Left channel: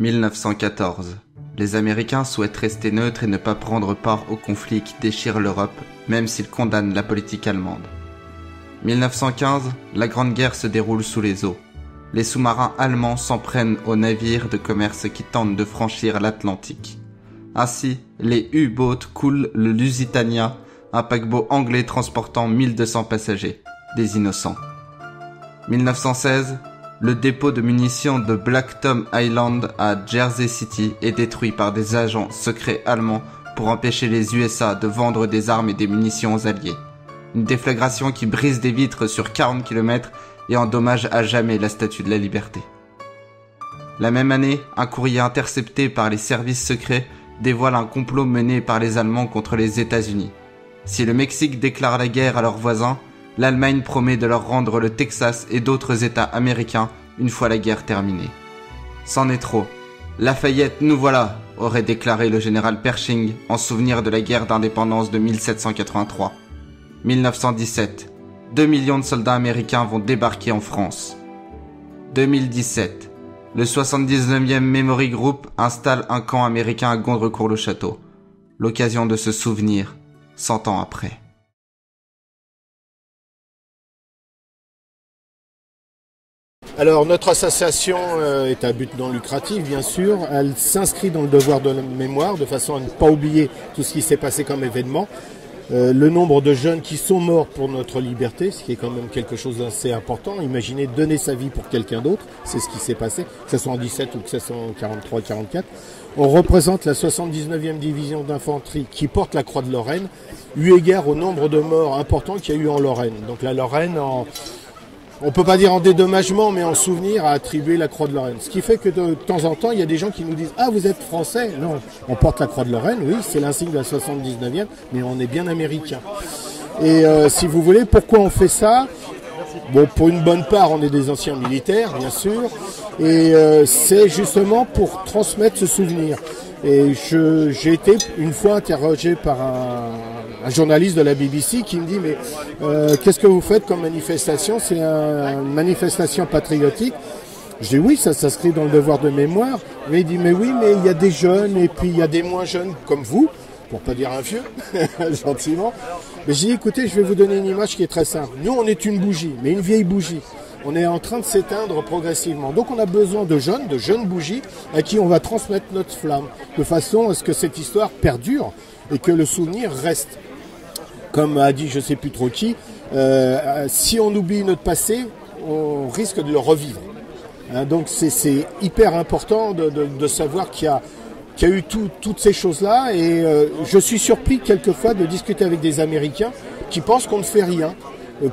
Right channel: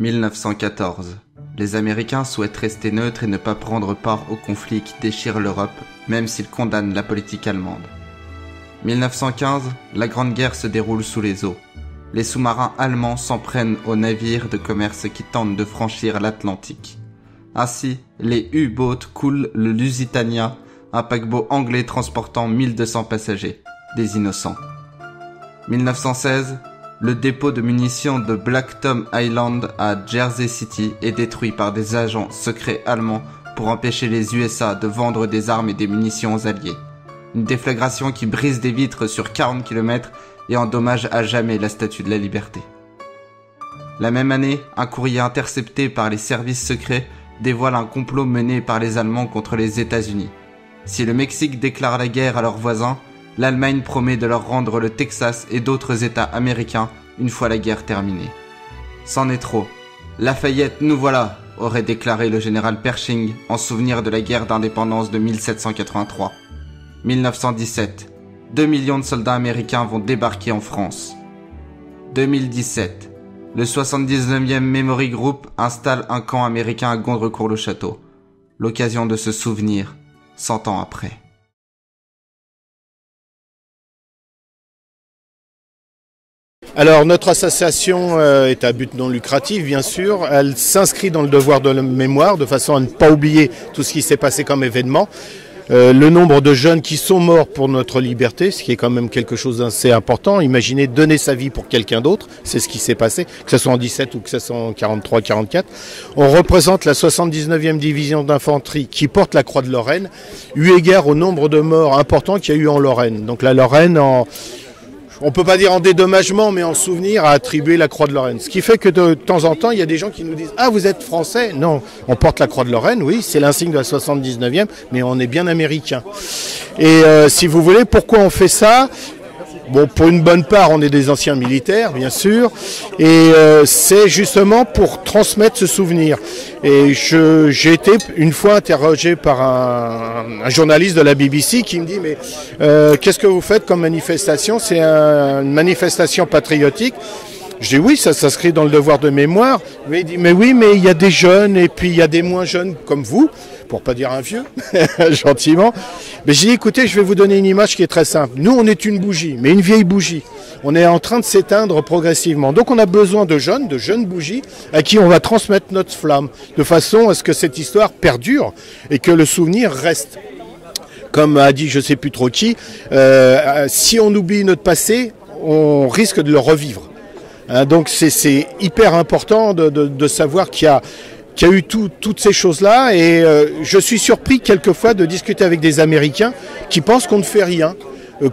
1914. Les Américains souhaitent rester neutres et ne pas prendre part au conflit qui déchire l'Europe, même s'ils condamnent la politique allemande. 1915. La Grande Guerre se déroule sous les eaux. Les sous-marins allemands s'en prennent aux navires de commerce qui tentent de franchir l'Atlantique. Ainsi, les U-boats coulent le Lusitania, un paquebot anglais transportant 1200 passagers, des innocents. 1916. Le dépôt de munitions de Black Tom Island à Jersey City est détruit par des agents secrets allemands pour empêcher les USA de vendre des armes et des munitions aux Alliés. Une déflagration qui brise des vitres sur 40 km et endommage à jamais la Statue de la Liberté. La même année, un courrier intercepté par les services secrets dévoile un complot mené par les Allemands contre les États-Unis. Si le Mexique déclare la guerre à leurs voisins, l'Allemagne promet de leur rendre le Texas et d'autres États américains une fois la guerre terminée. C'en est trop. Lafayette, nous voilà, aurait déclaré le général Pershing en souvenir de la guerre d'indépendance de 1783. 1917. 2 millions de soldats américains vont débarquer en France. 2017. Le 79e Memory Group installe un camp américain à Gondrecourt-le-Château. L'occasion de se souvenir 100 ans après. Alors notre association est à but non lucratif bien sûr, elle s'inscrit dans le devoir de la mémoire de façon à ne pas oublier tout ce qui s'est passé comme événement. Le nombre de jeunes qui sont morts pour notre liberté, ce qui est quand même quelque chose d'assez important. Imaginez donner sa vie pour quelqu'un d'autre, c'est ce qui s'est passé, que ce soit en 17 ou que ce soit en 43-44. On représente la 79e division d'infanterie qui porte la Croix de Lorraine, eu égard au nombre de morts importants qu'il y a eu en Lorraine. Donc la Lorraine, on ne peut pas dire en dédommagement, mais en souvenir, a attribué la Croix de Lorraine. Ce qui fait que de temps en temps, il y a des gens qui nous disent « Ah, vous êtes français ?» Non, on porte la Croix de Lorraine, oui, c'est l'insigne de la 79e, mais on est bien américain. Et si vous voulez, pourquoi on fait ça ? Bon, pour une bonne part, on est des anciens militaires, bien sûr, et c'est justement pour transmettre ce souvenir. Et j'ai été une fois interrogé par un journaliste de la BBC qui me dit « Mais qu'est-ce que vous faites comme manifestation ? C'est une manifestation patriotique ?» Je dis « Oui, ça s'inscrit dans le devoir de mémoire. » Mais il dit « Mais oui, mais il y a des jeunes et puis il y a des moins jeunes comme vous. » Pour pas dire un vieux, gentiment. Mais j'ai dit, écoutez, je vais vous donner une image qui est très simple. Nous, on est une bougie, mais une vieille bougie. On est en train de s'éteindre progressivement. Donc on a besoin de jeunes bougies, à qui on va transmettre notre flamme, de façon à ce que cette histoire perdure et que le souvenir reste. Comme a dit je ne sais plus trop qui, si on oublie notre passé, on risque de le revivre. Hein, donc c'est hyper important de savoir qu'il y a eu toutes ces choses-là et je suis surpris quelquefois de discuter avec des Américains qui pensent qu'on ne fait rien,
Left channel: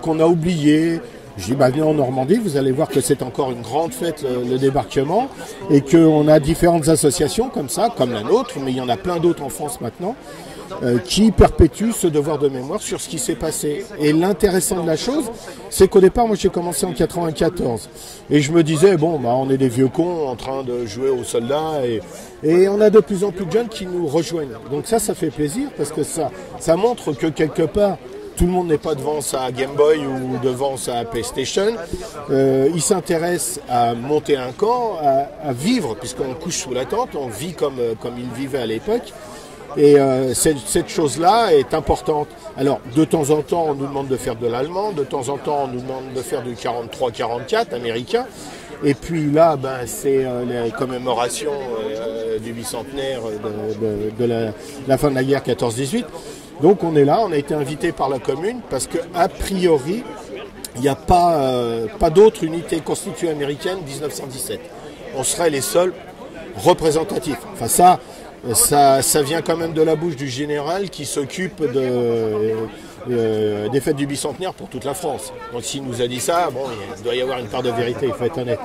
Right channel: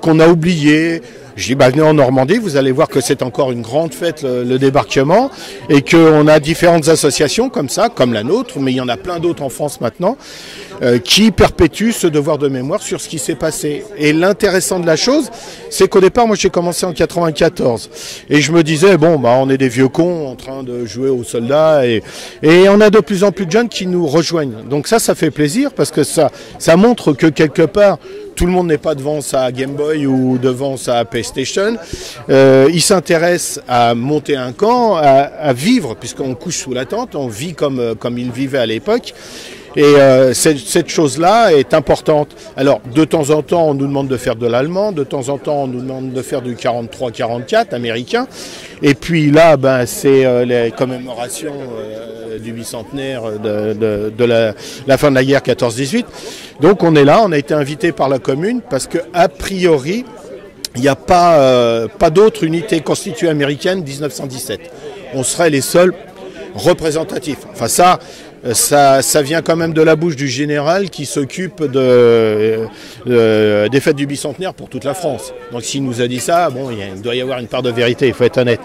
qu'on a oublié. Je dis, venez en Normandie, vous allez voir que c'est encore une grande fête, le débarquement, et qu'on a différentes associations comme ça, comme la nôtre, mais il y en a plein d'autres en France maintenant, qui perpétuent ce devoir de mémoire sur ce qui s'est passé. Et l'intéressant de la chose, c'est qu'au départ, moi j'ai commencé en 94, et je me disais, on est des vieux cons en train de jouer aux soldats, et on a de plus en plus de jeunes qui nous rejoignent. Donc ça fait plaisir, parce que ça montre que quelque part, tout le monde n'est pas devant sa Game Boy ou devant sa PlayStation. Il s'intéresse à monter un camp, à vivre, puisqu'on couche sous la tente, on vit comme ils vivaient à l'époque. Et cette chose-là est importante. Alors, de temps en temps, on nous demande de faire de l'allemand, de temps en temps, on nous demande de faire du 43-44 américain. Et puis là, c'est les commémorations du bicentenaire de la fin de la guerre 14-18. Donc on est là, on a été invité par la commune parce qu'a priori, il n'y a pas d'autre unité constituée américaine 1917. On serait les seuls représentatifs. Enfin ça vient quand même de la bouche du général qui s'occupe des fêtes du bicentenaire pour toute la France. Donc s'il nous a dit ça, il doit y avoir une part de vérité, il faut être honnête.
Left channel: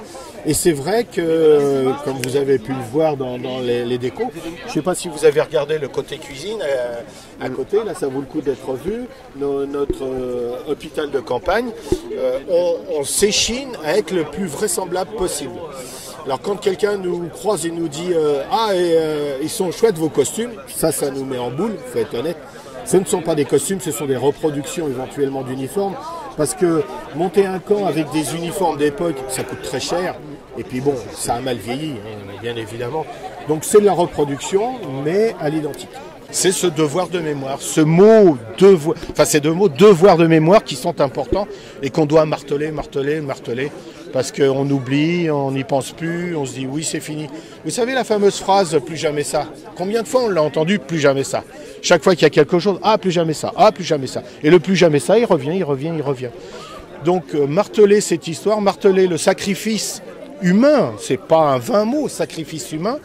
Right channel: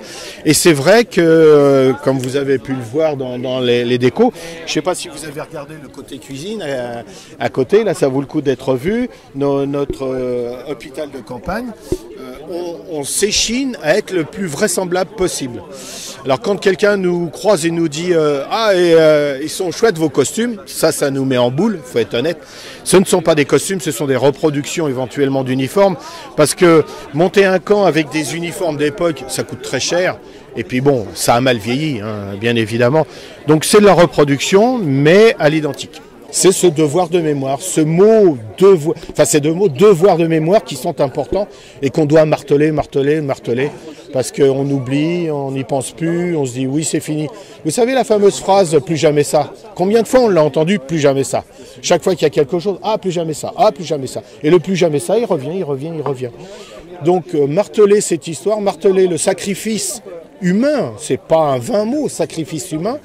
Et c'est vrai que, comme vous avez pu le voir dans les décos, je ne sais pas si vous avez regardé le côté cuisine à côté, là ça vaut le coup d'être vu, notre hôpital de campagne, on s'échine à être le plus vraisemblable possible. Alors quand quelqu'un nous croise et nous dit ils sont chouettes vos costumes, ça nous met en boule, il faut être honnête. Ce ne sont pas des costumes, ce sont des reproductions éventuellement d'uniformes, parce que monter un camp avec des uniformes d'époque, ça coûte très cher. Et puis bon, ça a mal vieilli, hein, bien évidemment. Donc c'est de la reproduction, mais à l'identique. C'est ce devoir de mémoire, ce mot devoir, enfin ces deux mots, devoir de mémoire, qui sont importants et qu'on doit marteler, parce qu'on oublie, on n'y pense plus, on se dit oui c'est fini. Vous savez la fameuse phrase « plus jamais ça ». Combien de fois on l'a entendu « plus jamais ça ». Chaque fois qu'il y a quelque chose, « ah plus jamais ça, ah plus jamais ça ». Et le plus jamais ça, il revient. Donc marteler cette histoire, marteler le sacrifice humain, c'est pas un vain mot, sacrifice humain.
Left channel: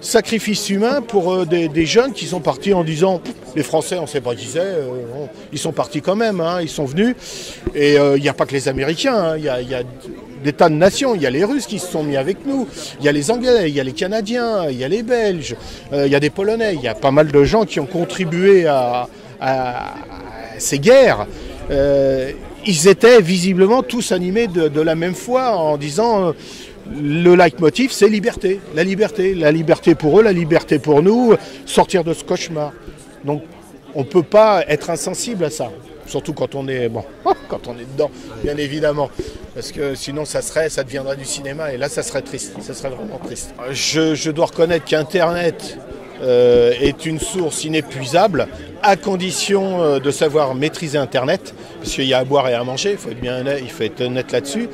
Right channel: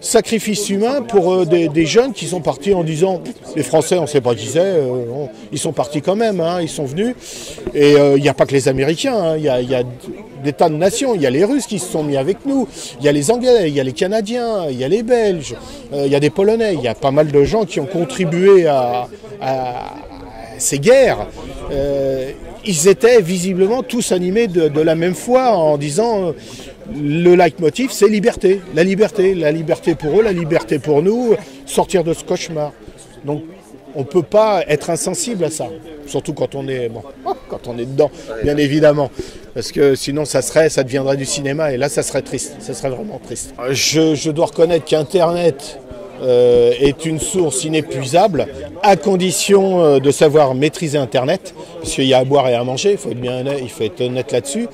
Sacrifice humain pour des jeunes qui sont partis en disant les Français on ne sait pas qui c'est, ils sont partis quand même, hein, ils sont venus. Et il n'y a pas que les Américains, hein, il y a des tas de nations, il y a les Russes qui se sont mis avec nous, il y a les Anglais, il y a les Canadiens, il y a les Belges, il y a des Polonais, il y a pas mal de gens qui ont contribué à ces guerres. Ils étaient visiblement tous animés de la même foi en disant le leitmotiv c'est liberté, la liberté pour eux, la liberté pour nous, sortir de ce cauchemar. Donc on ne peut pas être insensible à ça, surtout quand on est, quand on est dedans, bien évidemment. Parce que sinon ça deviendrait du cinéma et là ça serait triste, ça serait vraiment triste. Je dois reconnaître qu'Internet est une source inépuisable à condition de savoir maîtriser Internet, parce qu'il y a à boire et à manger, il faut être honnête là-dessus.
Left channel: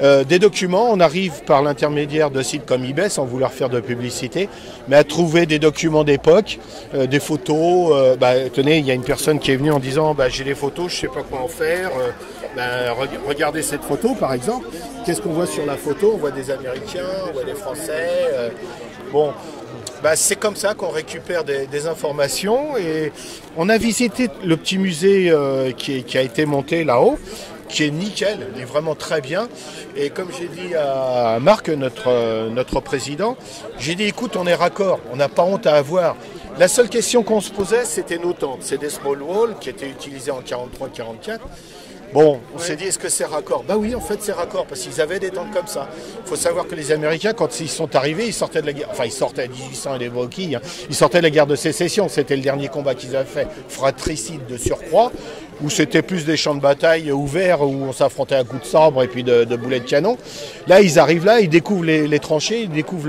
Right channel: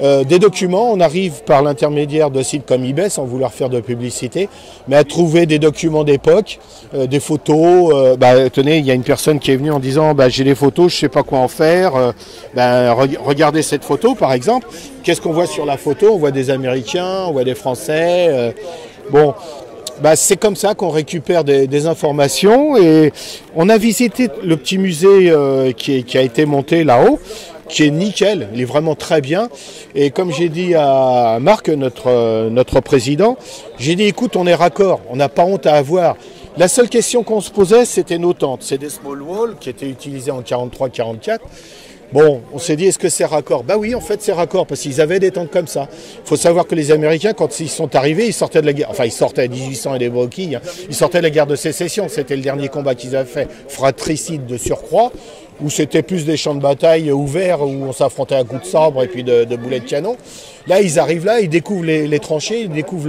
Des documents, on arrive par l'intermédiaire de sites comme eBay, sans vouloir faire de publicité, mais à trouver des documents d'époque, des photos. Tenez, il y a une personne qui est venue en disant j'ai des photos, je ne sais pas quoi en faire. Regardez cette photo par exemple. Qu'est-ce qu'on voit sur la photo? On voit des Américains, on voit des Français. C'est comme ça qu'on récupère des informations et on a visité le petit musée qui a été monté là-haut, qui est nickel, il est vraiment très bien. Et comme j'ai dit à Marc, notre président, j'ai dit écoute, on est raccord, on n'a pas honte à avoir. La seule question qu'on se posait, c'était nos tentes. C'est des small walls qui étaient utilisés en 43-44. Bon, on s'est dit, est-ce que c'est raccord? Oui, en fait, c'est raccord, parce qu'ils avaient des tentes comme ça. Il faut savoir que les Américains, quand ils sont arrivés, ils sortaient de la guerre. Enfin, ils sortaient à 1800 et des broquilles. Hein. Ils sortaient de la guerre de sécession. C'était le dernier combat qu'ils avaient fait, fratricide de surcroît, où c'était plus des champs de bataille ouverts, où on s'affrontait à coups de sabre et puis de boulets de canon. Là, ils arrivent là, ils découvrent les tranchées, ils découvrent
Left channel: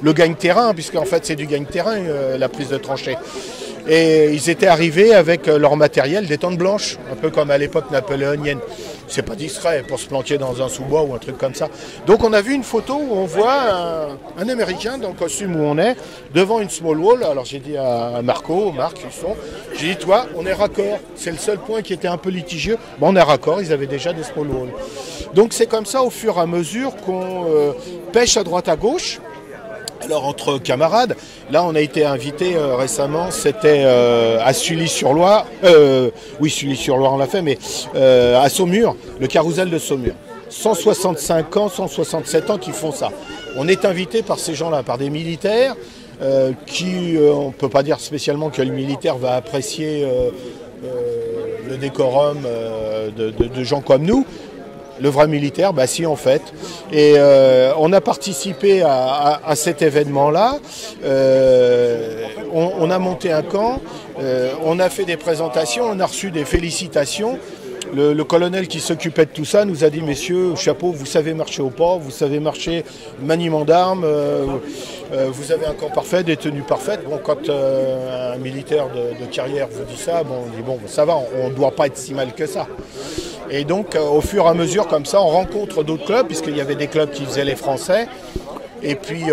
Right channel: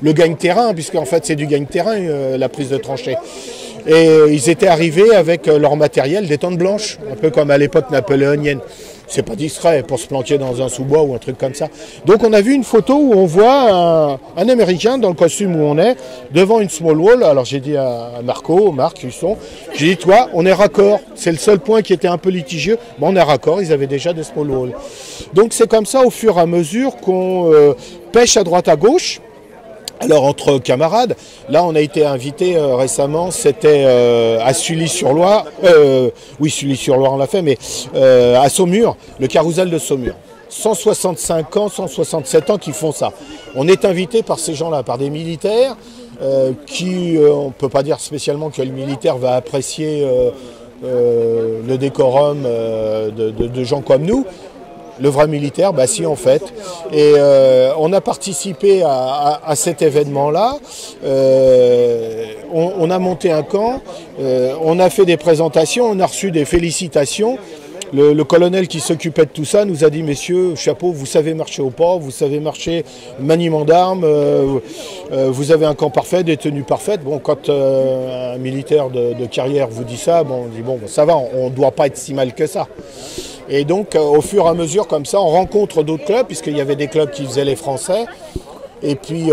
le gagne-terrain, puisqu'en fait, c'est du gagne-terrain, la prise de tranchées. Et ils étaient arrivés avec leur matériel, des tentes blanches, un peu comme à l'époque napoléonienne. C'est pas discret pour se planquer dans un sous-bois ou un truc comme ça. Donc on a vu une photo où on voit un Américain dans le costume où on est, devant une small wall. Alors j'ai dit à Marc Husson, j'ai dit toi, on est raccord. C'est le seul point qui était un peu litigieux. On est raccord, ils avaient déjà des small walls. Donc c'est comme ça au fur et à mesure qu'on pêche à droite à gauche. Alors entre camarades, là on a été invité récemment, c'était à Sully-sur-Loire, oui Sully-sur-Loire on l'a fait, mais à Saumur, le carrousel de Saumur. 165 ans, 167 ans qui font ça. On est invité par ces gens-là, par des militaires qui, on ne peut pas dire spécialement que le militaire va apprécier le décorum de gens comme nous. Le vrai militaire, si en fait. Et on a participé à cet événement-là. On a monté un camp, on a fait des présentations, on a reçu des félicitations. Le colonel qui s'occupait de tout ça nous a dit « Messieurs, chapeau, vous savez marcher au pas, vous savez marcher maniement d'armes, vous avez un camp parfait, des tenues parfaites. » Bon, quand un militaire de carrière vous dit ça, on dit « Bon, ça va, on ne doit pas être si mal que ça. » Et donc, au fur et à mesure, comme ça, on rencontre d'autres clubs, puisqu'il y avait des clubs qui faisaient les Français. Et puis,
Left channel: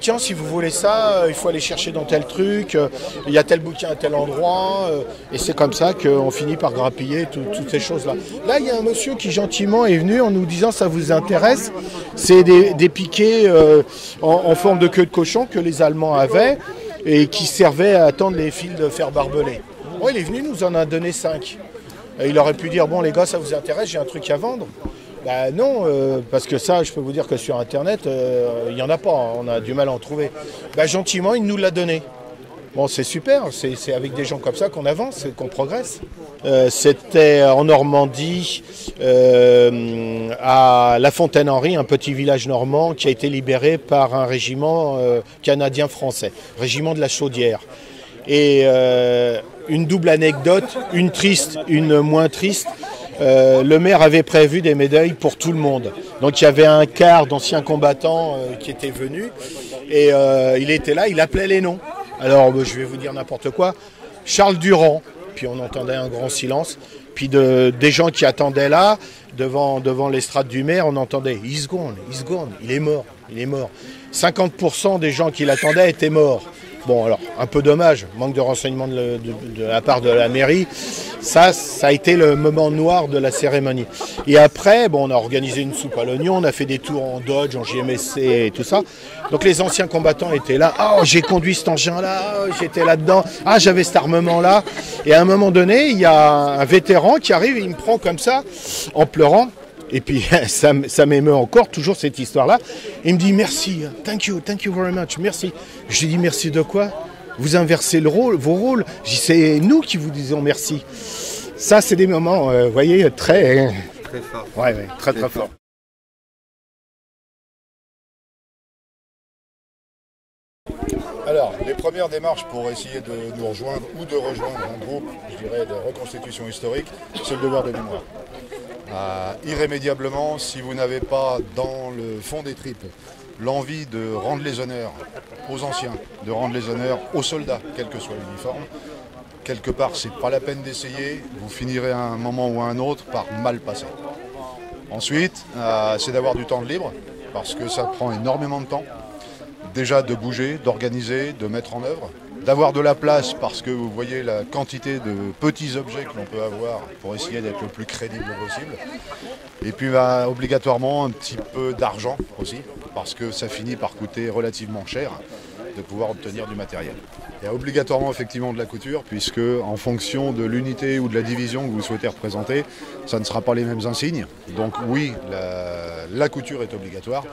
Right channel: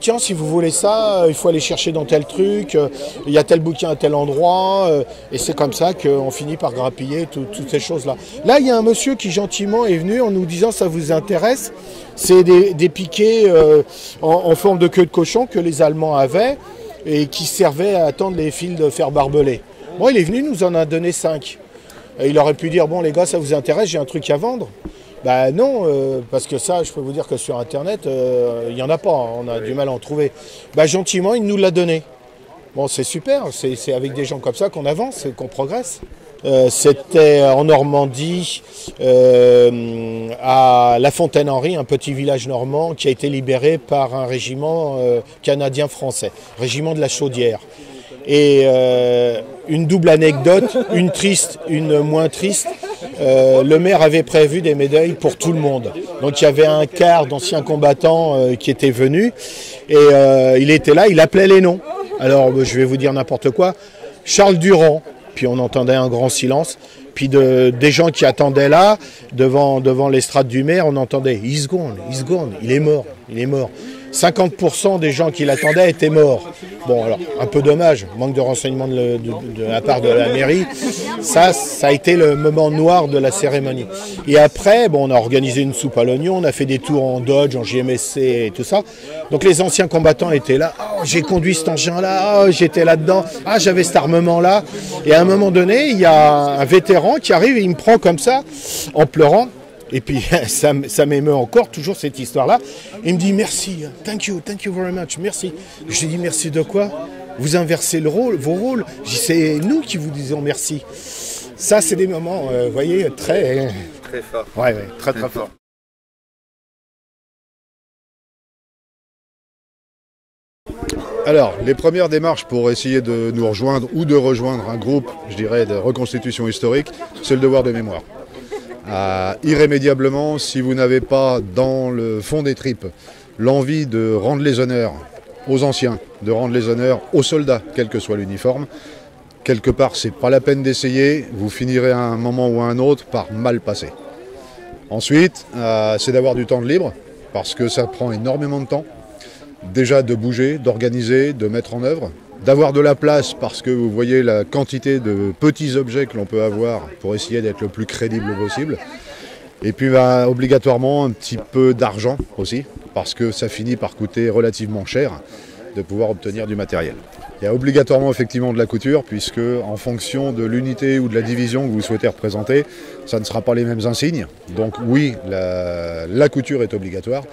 tiens, si vous voulez ça, il faut aller chercher dans tel truc, il y a tel bouquin à tel endroit. Et c'est comme ça qu'on finit par grappiller toutes ces choses-là. Là, il y a un monsieur qui gentiment est venu en nous disant, ça vous intéresse? C'est des piquets en forme de queue de cochon que les Allemands avaient et qui servaient à tendre les fils de fer barbelé. Bon, il est venu, nous en a donné 5. Il aurait pu dire, bon les gars, ça vous intéresse, j'ai un truc à vendre? Non, parce que ça, je peux vous dire que sur Internet, il n'y en a pas, on a du mal à en trouver. Gentiment, il nous l'a donné. Bon, c'est super, c'est avec des gens comme ça qu'on avance, qu'on progresse. C'était en Normandie, à La Fontaine-Henri, un petit village normand qui a été libéré par un régiment canadien-français, régiment de la Chaudière. Et une double anecdote, une triste, une moins triste. le maire avait prévu des médailles pour tout le monde. Donc il y avait un quart d'anciens combattants qui étaient venus et il était là, il appelait les noms. Alors je vais vous dire n'importe quoi, Charles Durand, puis on entendait un grand silence, puis des gens qui attendaient là, devant l'estrade du maire, on entendait « He's gone, il est mort, il est mort ». 50% des gens qui l'attendaient étaient morts. Bon, alors, un peu dommage, manque de renseignements de la part de la mairie. Ça a été le moment noir de la cérémonie. Et après, bon, on a organisé une soupe à l'oignon, on a fait des tours en Dodge, en JMSC et tout ça. Donc les anciens combattants étaient là. « Oh, j'ai conduit cet engin-là, oh, j'étais là-dedans, ah, j'avais cet armement-là ». Et à un moment donné, il y a un vétéran qui arrive et il me prend comme ça, en pleurant. Et puis ça m'émeut encore, toujours cette histoire-là. Il me dit merci, thank you very much, merci. Je lui dis merci de quoi? Vous inversez vos rôles. Je dis c'est nous qui vous disons merci. Ça c'est des moments, vous voyez, très fort. Ouais, très fort. Alors, les premières démarches pour essayer de nous rejoindre ou de rejoindre un groupe, je dirais, de reconstitution historique, c'est le devoir de mémoire. Irrémédiablement, si vous n'avez pas dans le fond des tripes l'envie de rendre les honneurs aux anciens, de rendre les honneurs aux soldats, quel que soit l'uniforme, quelque part c'est pas la peine d'essayer, vous finirez à un moment ou à un autre par mal passer. Ensuite, c'est d'avoir du temps de libre, parce que ça prend énormément de temps, déjà de bouger, d'organiser, de mettre en œuvre, d'avoir de la place parce que vous voyez la quantité de petits objets que l'on peut avoir pour essayer d'être le plus crédible possible. Et puis obligatoirement un petit peu d'argent aussi parce que ça finit par coûter relativement cher de pouvoir obtenir du matériel. Il y a obligatoirement effectivement de la couture puisque en fonction de l'unité ou de la division que vous souhaitez représenter, ça ne sera pas les mêmes insignes. Donc oui, la couture est obligatoire.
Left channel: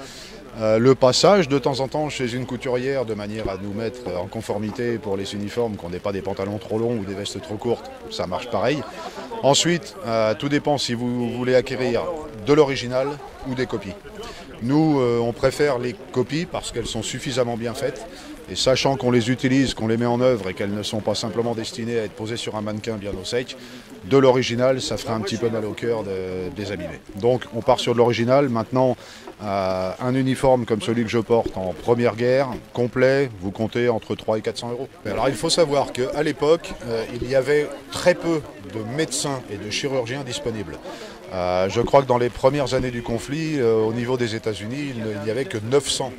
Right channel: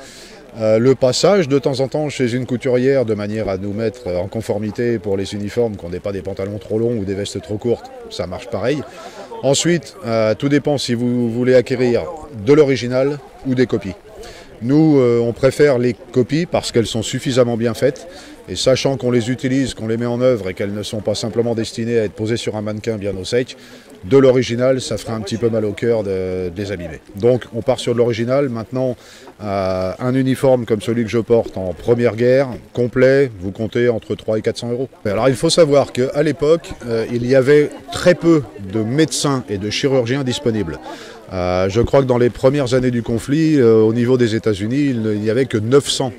Le passage de temps en temps chez une couturière de manière à nous mettre en conformité pour les uniformes, qu'on n'ait pas des pantalons trop longs ou des vestes trop courtes, ça marche pareil. Ensuite, tout dépend si vous voulez acquérir de l'original ou des copies. Nous, on préfère les copies parce qu'elles sont suffisamment bien faites et sachant qu'on les utilise, qu'on les met en œuvre et qu'elles ne sont pas simplement destinées à être posées sur un mannequin bien au sec, de l'original, ça ferait un petit peu mal au cœur de les abîmer. Donc on part sur de l'original. Maintenant, un uniforme comme celui que je porte en première guerre, complet, vous comptez entre 300 et 400 euros. Alors il faut savoir qu'à l'époque, il y avait très peu de médecins et de chirurgiens disponibles. Je crois que dans les premières années du conflit, au niveau des États-Unis, il n'y avait que 900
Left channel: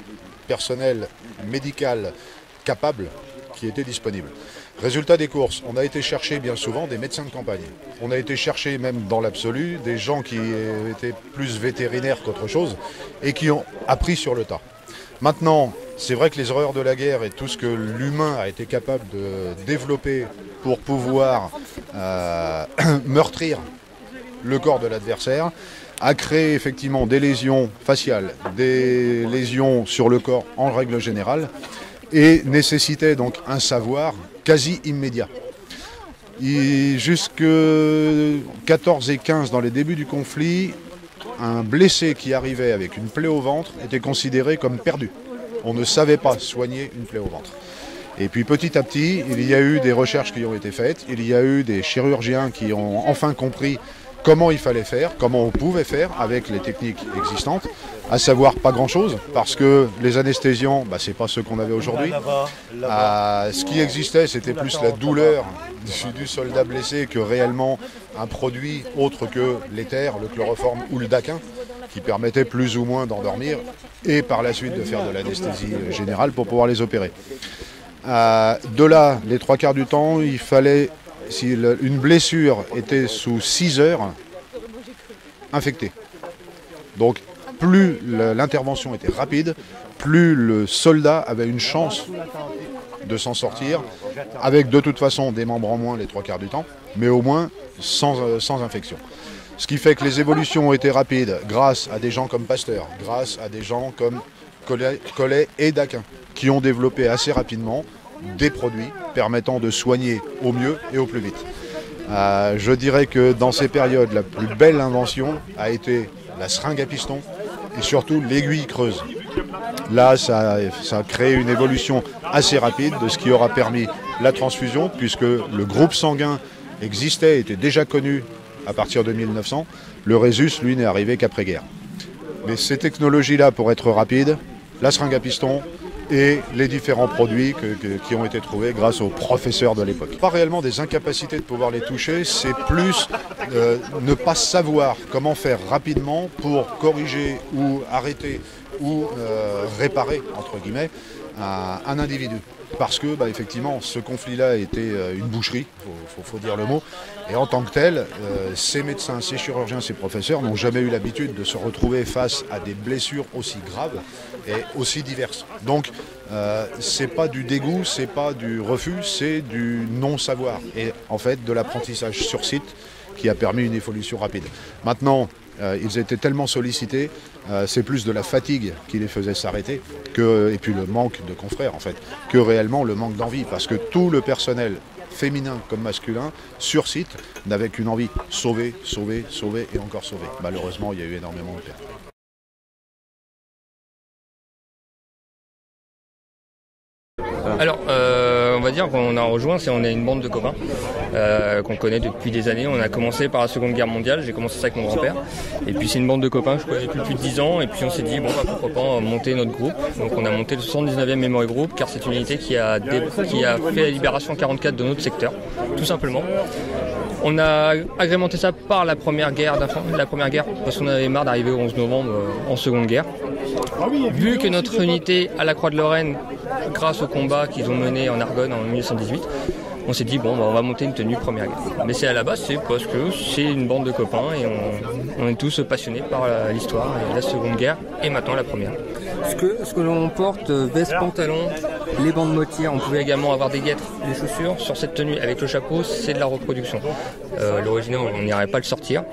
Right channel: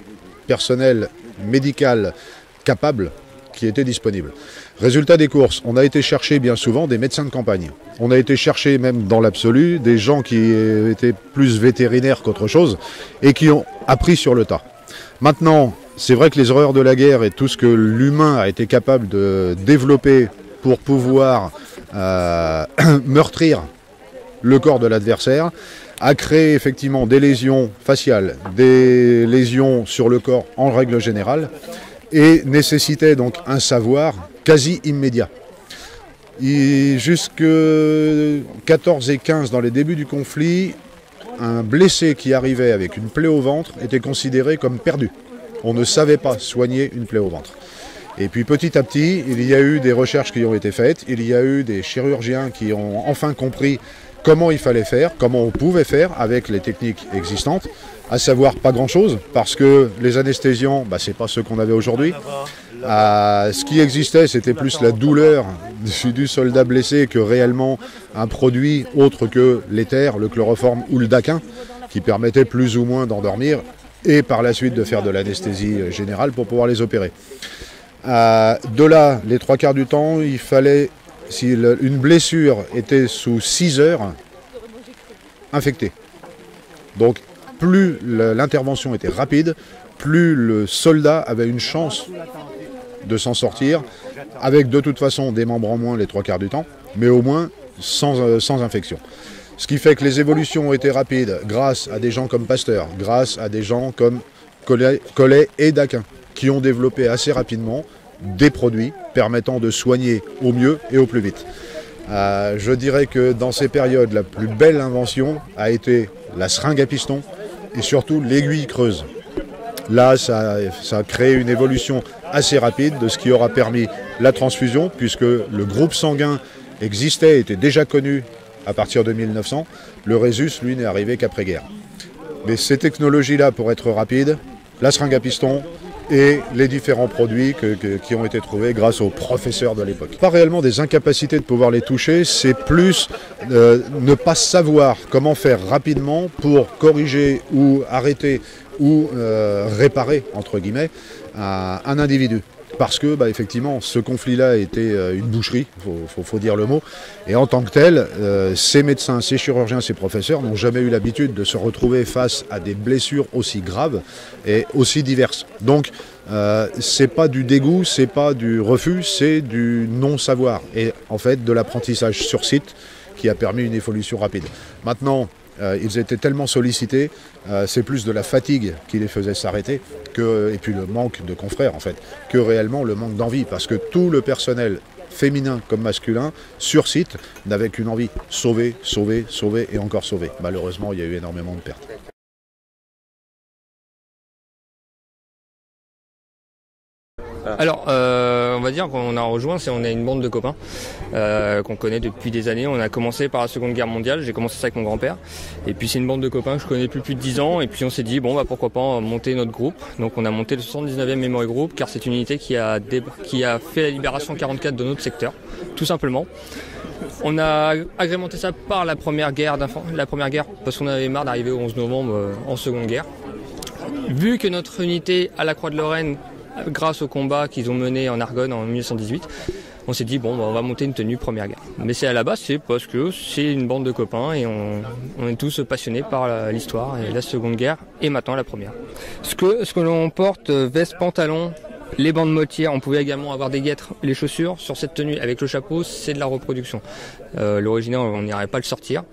personnels médicaux capables qui étaient disponibles. Résultat des courses, on a été chercher bien souvent des médecins de campagne. On a été chercher même dans l'absolu des gens qui étaient plus vétérinaires qu'autre chose et qui ont appris sur le tas. Maintenant, c'est vrai que les horreurs de la guerre et tout ce que l'humain a été capable de développer pour pouvoir meurtrir le corps de l'adversaire a créé effectivement des lésions faciales, des lésions sur le corps en règle générale et nécessitait donc un savoir quasi immédiat. Jusque 14 et 15, dans les débuts du conflit, un blessé qui arrivait avec une plaie au ventre était considéré comme perdu. On ne savait pas soigner une plaie au ventre. Et puis petit à petit, il y a eu des recherches qui ont été faites, il y a eu des chirurgiens qui ont enfin compris comment il fallait faire, comment on pouvait faire avec les techniques existantes, à savoir pas grand-chose, parce que les anesthésiants, c'est pas ce qu'on avait aujourd'hui. Ce qui existait, c'était plus la douleur du soldat blessé que réellement un produit autre que l'éther, le chloroforme ou le daquin, qui permettait plus ou moins d'endormir et par la suite de faire de l'anesthésie générale pour pouvoir les opérer. De là, les 3/4 du temps, il fallait, si une blessure était sous 6 heures, infectée. Donc plus l'intervention était rapide, plus le soldat avait une chance de s'en sortir, avec de toute façon des membres en moins les 3/4 du temps, mais au moins sans infection. Ce qui fait que les évolutions ont été rapides grâce à des gens comme Pasteur, grâce à des gens comme Collet et Daquin, qui ont développé assez rapidement des produits permettant de soigner au mieux et au plus vite. Je dirais que dans ces périodes, la plus belle invention a été la seringue à piston et surtout l'aiguille creuse. Là, ça a créé une évolution assez rapide de ce qui aura permis la transfusion, puisque le groupe sanguin existait, était déjà connu à partir de 1900. Le Rhésus, lui, n'est arrivé qu'après-guerre. Mais ces technologies-là, pour être rapides, la seringue à piston et les différents produits qui ont été trouvés grâce aux professeurs de l'époque. Pas réellement des incapacités de pouvoir les toucher, c'est plus ne pas savoir comment faire rapidement pour corriger ou arrêter ou réparer, entre guillemets, un individu. Parce que, effectivement, ce conflit-là était une boucherie, faut dire le mot. Et en tant que tel, ces médecins, ces chirurgiens, ces professeurs n'ont jamais eu l'habitude de se retrouver face à des blessures aussi graves et aussi diverses. Donc, c'est pas du dégoût, c'est pas du refus, c'est du non-savoir. Et en fait, de l'apprentissage sur site qui a permis une évolution rapide. Maintenant, ils étaient tellement sollicités, c'est plus de la fatigue qui les faisait s'arrêter, et puis le manque de confrères en fait, que réellement le manque d'envie, parce que tout le personnel, féminin comme masculin, sur site, n'avait qu'une envie, sauver, sauver, sauver et encore sauver. Malheureusement, il y a eu énormément de pertes. Alors, on va dire qu'on a rejoint, on est une bande de copains qu'on connaît depuis des années. On a commencé par la Seconde Guerre mondiale, j'ai commencé ça avec mon grand-père. Et puis c'est une bande de copains que je connais depuis plus de 10 ans. Et puis on s'est dit, pourquoi pas monter notre groupe. Donc on a monté le 79e Memory Group, car c'est une unité qui a fait la libération 1944 de notre secteur, tout simplement. On a agrémenté ça par la première guerre, parce qu'on avait marre d'arriver au 11 novembre en Seconde Guerre. Vu que notre unité à la Croix-de-Lorraine, grâce au combat qu'ils ont mené en Argonne en 1918, on s'est dit on va monter une tenue première guerre. Mais c'est à la base, c'est parce que c'est une bande de copains et on est tous passionnés par l'histoire et la Seconde Guerre et maintenant la première. Ce que l'on porte, veste, pantalon, les bandes motières, on pouvait également avoir des guêtres, les chaussures. Sur cette tenue avec le chapeau, c'est de la reproduction. L'original, on n'irait pas le sortir.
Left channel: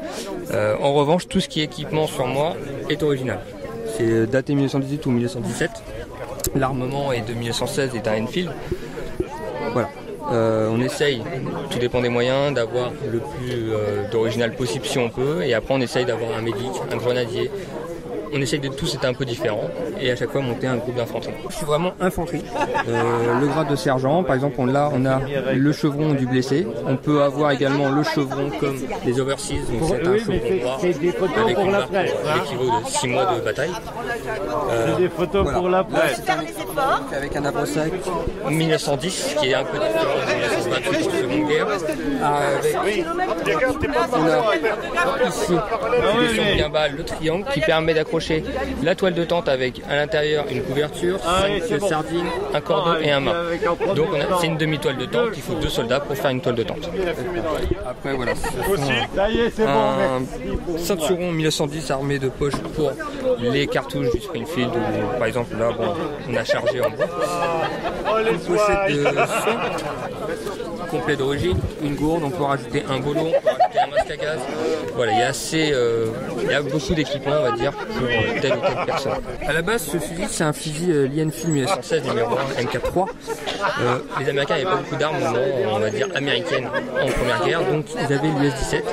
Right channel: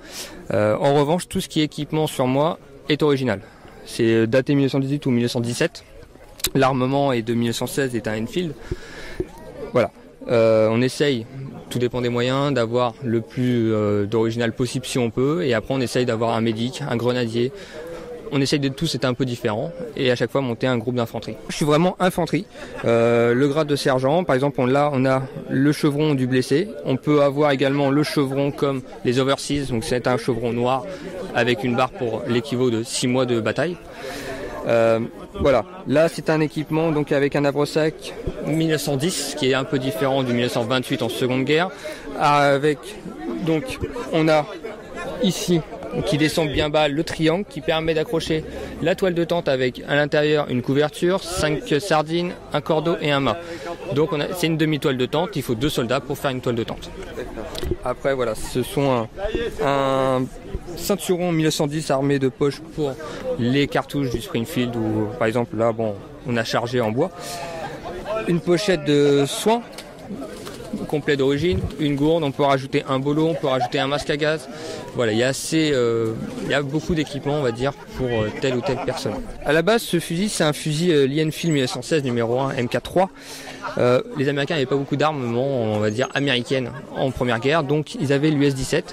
En revanche, tout ce qui est équipement sur moi est original. C'est daté 1918 ou 1917. L'armement est de 1916 et un Enfield. Voilà. On essaye, tout dépend des moyens, d'avoir le plus d'original possible si on peut. Et après on essaye d'avoir un médic, un grenadier. On essaye de tous être un peu différents et à chaque fois monter un groupe d'infanterie. Je suis vraiment infanterie. Le grade de sergent, par exemple, on a le chevron du blessé. On peut avoir également le chevron comme les overseas, donc c'est un chevron noir avec une barre pour l'équivalent de 6 mois de bataille. Voilà. Là, c'est un équipement donc avec un avro-sac 1910 qui est un peu différent de 1928 en Seconde Guerre. Avec donc on a ici qui descend bien bas le triangle qui permet d'accrocher la toile de tente avec à l'intérieur une couverture, 5 sardines, un cordeau et un mât. Donc c'est une demi-toile de tente, il faut 2 soldats pour faire une toile de tente. Après voilà, ce sont un ceinturon 1910 armé de poches pour les cartouches du Springfield ou par exemple là on a chargé en bois. Une pochette de soins complet d'origine, une gourde, on peut rajouter un bolo, on peut rajouter un masque à gaz. Voilà, il y a beaucoup d'équipements, on va dire, pour telle ou telle personne. À la base, ce fusil, c'est un fusil Lee Enfield 1916 numéro 1 MK3. Les Américains n'avaient pas beaucoup d'armes, on va dire, américaines en première guerre, donc ils avaient l'US-17.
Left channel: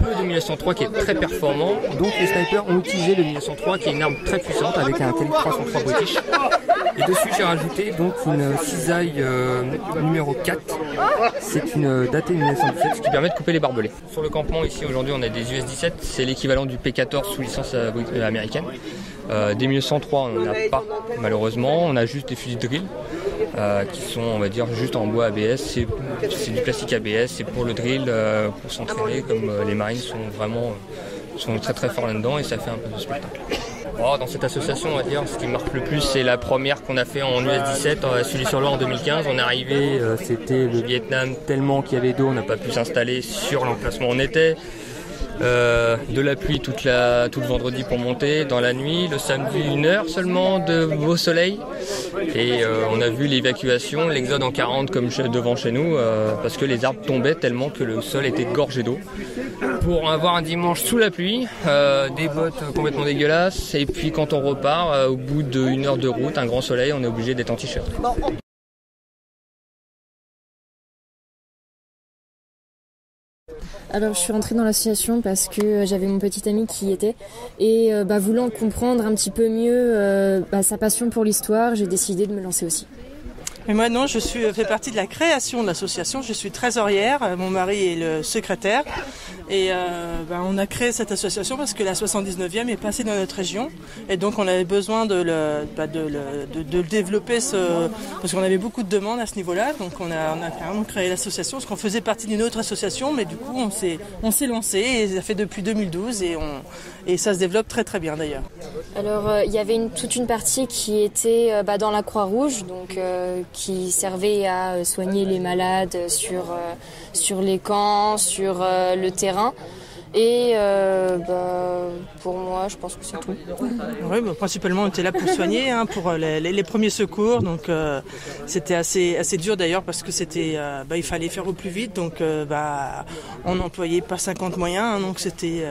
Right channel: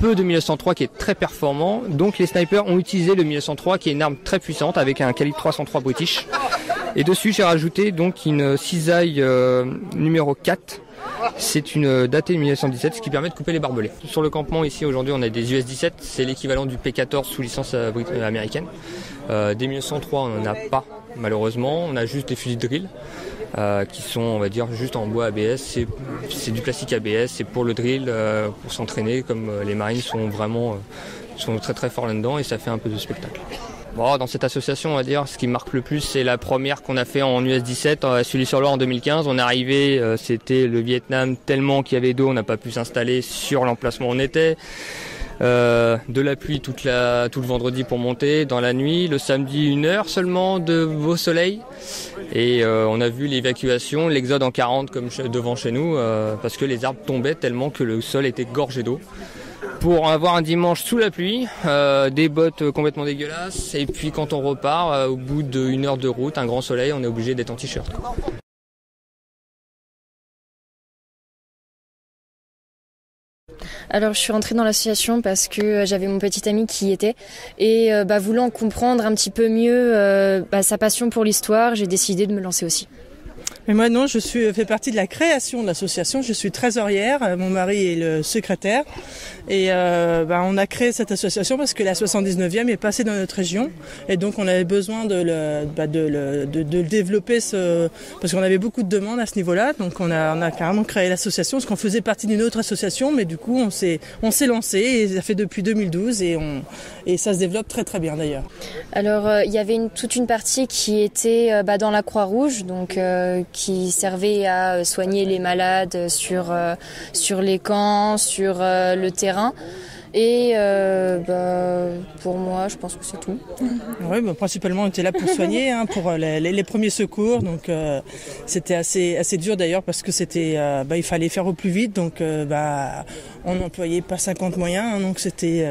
Peu de 1903 qui est très performant, donc les snipers ont utilisé le 1903 qui est une arme très puissante avec un calibre 303 British. Et dessus, j'ai rajouté donc une cisaille numéro 4. C'est une datée 1917, ce qui permet de couper les barbelés. Sur le campement, ici, aujourd'hui, on a des US-17. C'est l'équivalent du P-14 sous licence américaine. Des 1903, on n'en a pas, malheureusement. On a juste des fusils de drill qui sont, on va dire, juste en bois ABS. C'est du plastique ABS. C'est pour le drill, pour s'entraîner, comme les marines sont très très forts là-dedans et ça fait un peu de spectacle. Bon, dans cette association, on va dire, ce qui marque le plus, c'est la première qu'on a fait en US-17 à Sully-sur-Loire en 2015. On est arrivé, c'était le Vietnam, tellement qu'il y avait d'eau, on n'a pas pu s'installer sur l'emplacement où on était. De la pluie tout le vendredi pour monter, dans la nuit, le samedi 1 heure seulement de beau soleil. Et on a vu l'évacuation, l'exode en 40 comme devant chez nous, parce que les arbres tombaient tellement que le sol était gorgé d'eau. Pour avoir un dimanche sous la pluie, des bottes complètement dégueulasses, et puis quand on repart, au bout d'1 heure de route, un grand soleil, on est obligé d'être en t-shirt. Alors je suis rentrée dans l'association parce que j'avais mon petit ami qui y était et voulant comprendre un petit peu mieux sa passion pour l'histoire, j'ai décidé de me lancer aussi. Mais moi non, fais partie de la création de l'association, je suis trésorière, mon mari est le secrétaire et on a créé cette association parce que la 79e est passée dans notre région et donc on avait besoin de le développer parce qu'on avait beaucoup de demandes à ce niveau-là, donc on a carrément créé l'association parce qu'on faisait partie d'une autre association, mais du coup on s'est lancé et ça fait depuis 2012 et ça se développe très très bien d'ailleurs. Alors il y avait toute une partie qui était dans la Croix-Rouge, donc qui servait à soigner les malades sur les camps, sur le terrain. Et pour moi, je pense que c'est tout. Oui, principalement on était là pour soigner, pour les premiers secours. Donc c'était assez dur d'ailleurs parce que c'était il fallait faire au plus vite. Donc on n'employait pas 50 moyens, donc c'était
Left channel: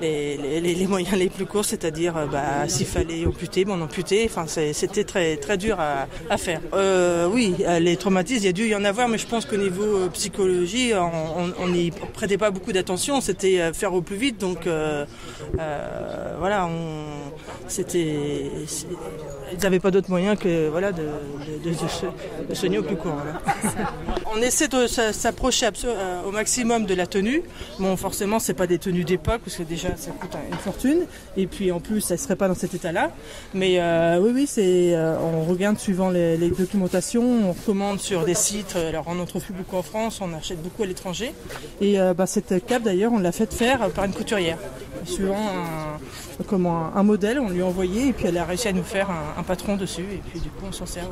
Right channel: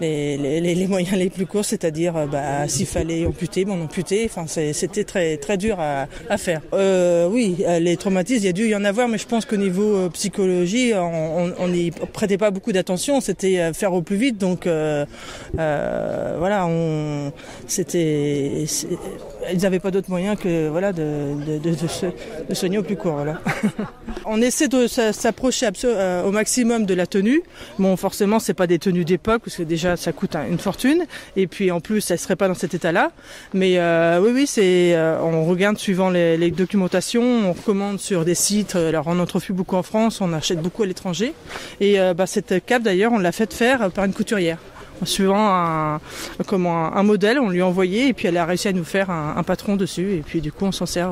les moyens les plus courts, c'est-à-dire s'il fallait amputer, on amputait. Enfin c'était très très dur à faire. Oui, les traumatismes, il y a dû y en avoir, mais je pense qu'au niveau psychologie, on n'y prêtait pas beaucoup d'attention. C'était faire au plus vite, donc ils n'avaient pas d'autres moyens que de soigner au plus court. Voilà. On essaie de s'approcher au maximum de la tenue. Bon, forcément, c'est pas des tenues d'époque parce que déjà ça coûte une fortune, et puis en plus, ça serait pas dans cet état-là. Mais oui, on regarde suivant les documentations, on recommande sur des sites. Alors, on en trouve plus beaucoup en France, on achète beaucoup à l'étranger. Et cette cape d'ailleurs, on l'a fait faire par une couturière, en suivant un modèle, on lui a envoyé et puis elle a réussi à nous faire un patron dessus et puis du coup on s'en sert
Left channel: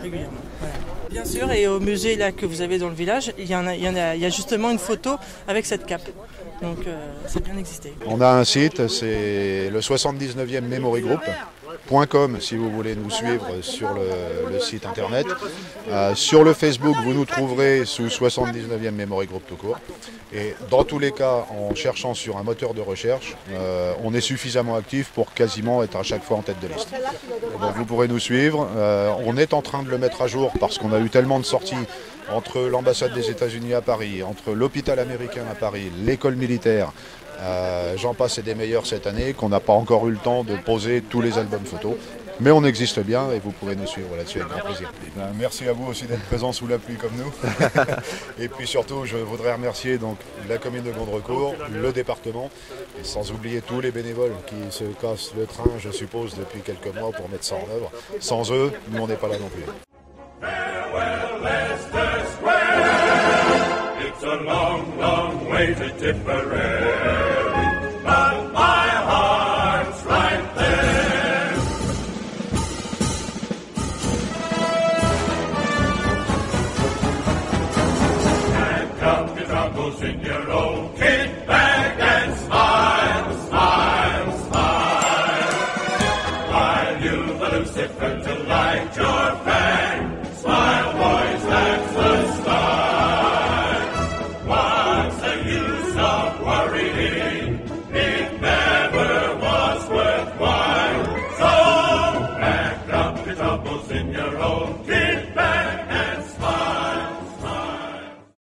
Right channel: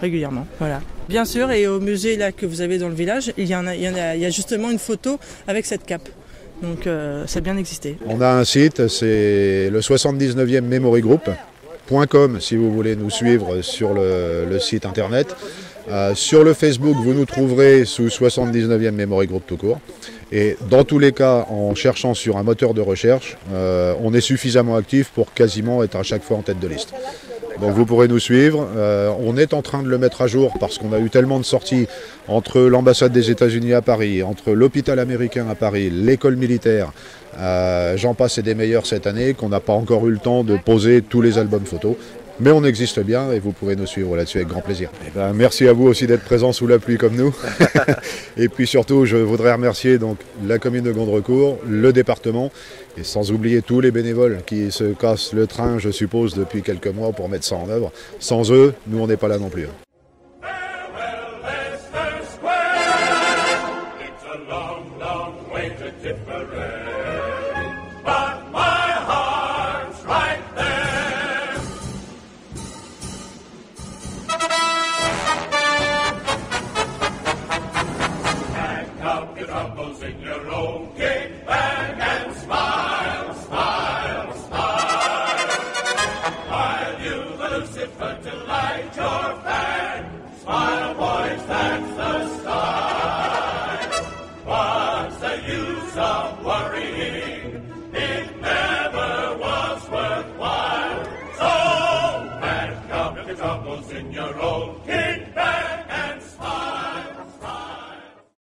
régulièrement. Voilà. Bien sûr, et au musée là que vous avez dans le village, il y a justement une photo avec cette cape. Donc ça a bien existé. On a un site, c'est le 79e Memory Group.com si vous voulez nous suivre sur le site internet. Sur le Facebook, vous nous trouverez sous 79e Memory Group tout court. Et dans tous les cas, en cherchant sur un moteur de recherche, on est suffisamment actif pour quasiment être à chaque fois en tête de liste. Donc vous pourrez nous suivre. On est en train de le mettre à jour parce qu'on a eu tellement de sorties entre l'ambassade des États-Unis à Paris, entre l'hôpital américain à Paris, l'école militaire, j'en passe et des meilleurs cette année, qu'on n'a pas encore eu le temps de poser tous les albums photos. Mais on existe bien et vous pourrez nous suivre là-dessus avec grand plaisir. Merci à vous aussi d'être présents sous la pluie comme nous. Et puis surtout, je voudrais remercier donc la commune de Gondrecourt, le département, et sans oublier tous les bénévoles qui se cassent le train, je suppose, depuis quelques mois pour mettre ça en œuvre. Sans eux, nous on n'est pas là non plus. In your own